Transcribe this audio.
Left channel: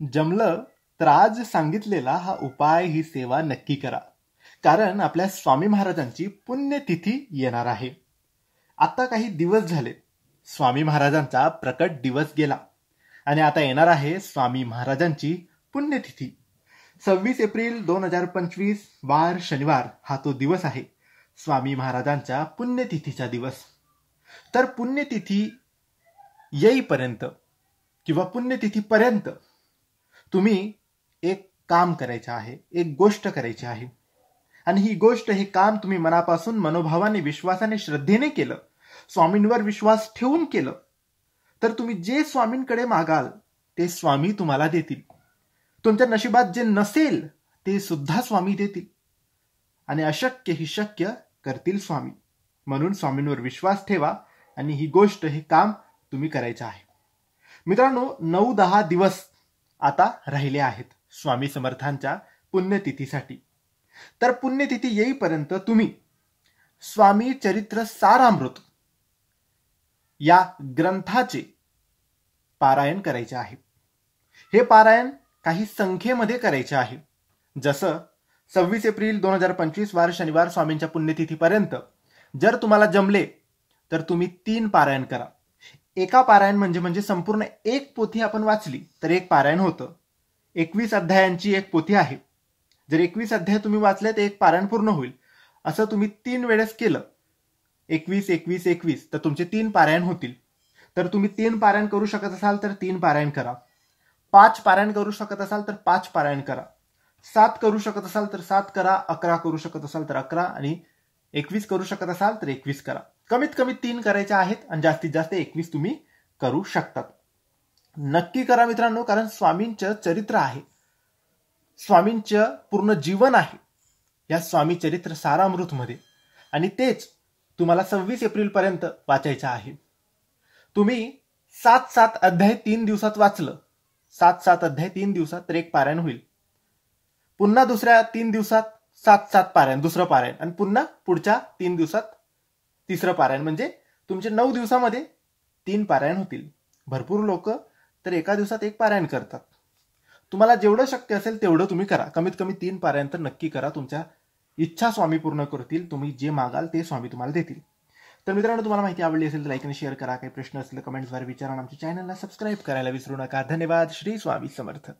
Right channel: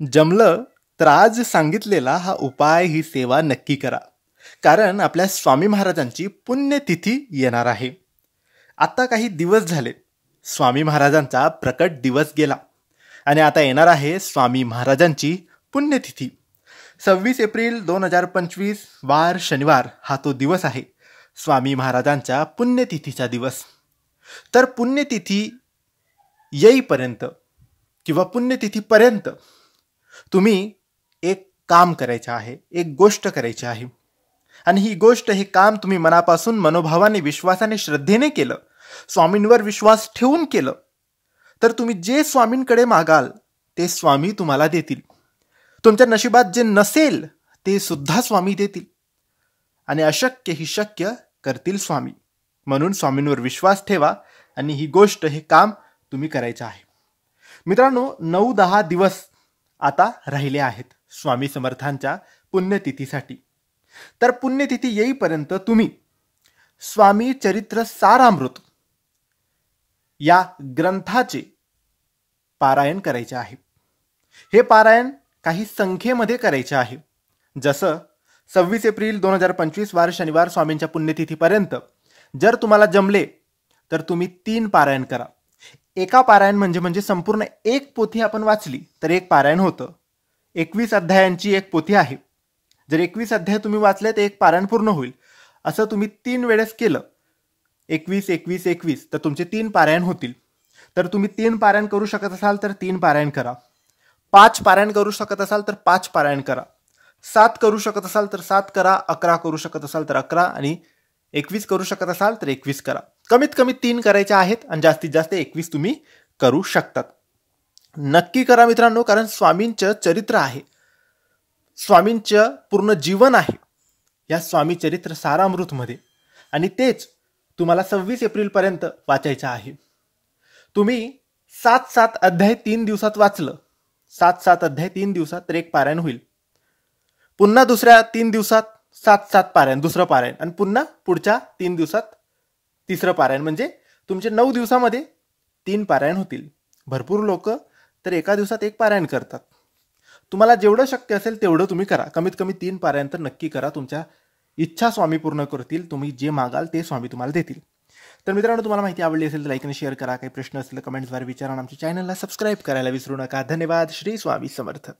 जमलं तर आज सांगितलेला हा उपाय ही सेवा नक्की करा. कारण आपल्या स्वामी महाराजांची पुण्यतिथी येणार आहे. आता काही दिवस झाले स्वामी महाराजांचा प्रकट दिवस गेला आणि आता येणार आहे स्वामी महाराजांची पुण्यतिथी. 26 एप्रिल 2025 वार शनिवार हा तो दिवस आहे, स्वामी महाराजांच्या पुण्यतिथीचा दिवस. तर पुण्यतिथी येईपर्यंत किंवा पुण्यतिथीपर्यंत तुम्ही एक काम करायचं आहे, एक गोष्ट करायची आहे. आणि ही गोष्ट, हे काम तुम्ही मनापासून, मनोभावाने, विश्वासाने, श्रद्धेने केलं, स्वामींवर विश्वास ठेवून केलं, तर तुम्ही जे स्वामींकडे मागाल ते स्वामी तुम्हाला देतील. तुमच्या नशिबात जे नसेल ते सुद्धा स्वामी देतील. आणि अशक्य ही शक्य करतील स्वामी. म्हणून स्वामींवर विश्वास ठेवा आणि ही गोष्ट, हे काम तुम्ही करायचं आहे. मित्रांनो, 9-10 दिवस आता राहिले आहेत स्वामी समर्थांच्या पुण्यतिथीसाठी. तर पुण्यतिथी येईपर्यंत तुम्ही स्वामी चरित्र सारामृत या ग्रंथाचे पारायण करायचे आहे. हे पारायण काही संख्येमध्ये करायचे आहे. जसं 26 एप्रिल 2025 वार शनिवार स्वामींच्या पुण्यतिथीपर्यंत जर तुम्हाला जमले तर तुम्ही 3 पारायण करा. एका पारायण म्हणजे संपूर्ण एक पोथी आपण वाचली तर एक पारायण होतं. 21 अध्यायांची एक पोथी आहे. जर 21 अध्याय तुम्ही वाचले तर एक पारायण पूर्ण होईल. असं तुम्ही 3 वेळेस केलं, 21 तर तुमचे 3 पारायण होतील. तर तुम्ही 3 पारायण करू शकत असाल तर 3 पारायण करा. 5 पारायण करू शकत असाल तर 5 पारायण करा. 7 करू शकत असाल तर 7 करा. 11 करू शकत असाल तर 11 आणि 21 करू शकत असाल तर 21 करा. कमीत कमी 3 करायचे आहेत आणि जास्तीत जास्त 21 तुम्ही करू शकतात. नक्की करा मित्रांनो, कारण स्वामींचं चरित्र आहे, स्वामींचं पूर्ण जीवन आहे या स्वामी चरित्र सारामृतमध्ये, आणि तेच तुम्हाला 26 एप्रिल पर्यंत वाचायचं आहे. तुम्ही 7 अध्याय 3 दिवसात वाचलं, 7 अध्याय 3 दिवसात, तर एक पारायण होईल. पुन्हा दुसऱ्या 3 दिवसात 7 पारायण, दुसरं पारायण, आणि पुन्हा पुढच्या 3 दिवसात तिसरं पारायण, म्हणजे तुमचे 9 दिवसामध्ये 3 पारायण होतील. भरपूर लोक तर एका दिवसात एक पारायण करतात. तुम्हाला जेवढं शक्य असेल तेवढं तुम्ही करा. कमीत कमी 3 पारायण तर नक्की करा. तुमच्या इच्छा स्वामी पूर्ण करतील. तुम्ही जे मागाल ते स्वामी तुम्हाला देतील. तर मित्रांनो, तुम्हाला माहिती आवडली असेल तर लाईक आणि शेअर करा. काही प्रश्न असतील तर कमेंट्सद्वारे विचारा. आमच्या चॅनलला सबस्क्राईब करायला विसरू नका. धन्यवाद. श्री स्वामी समर्थ.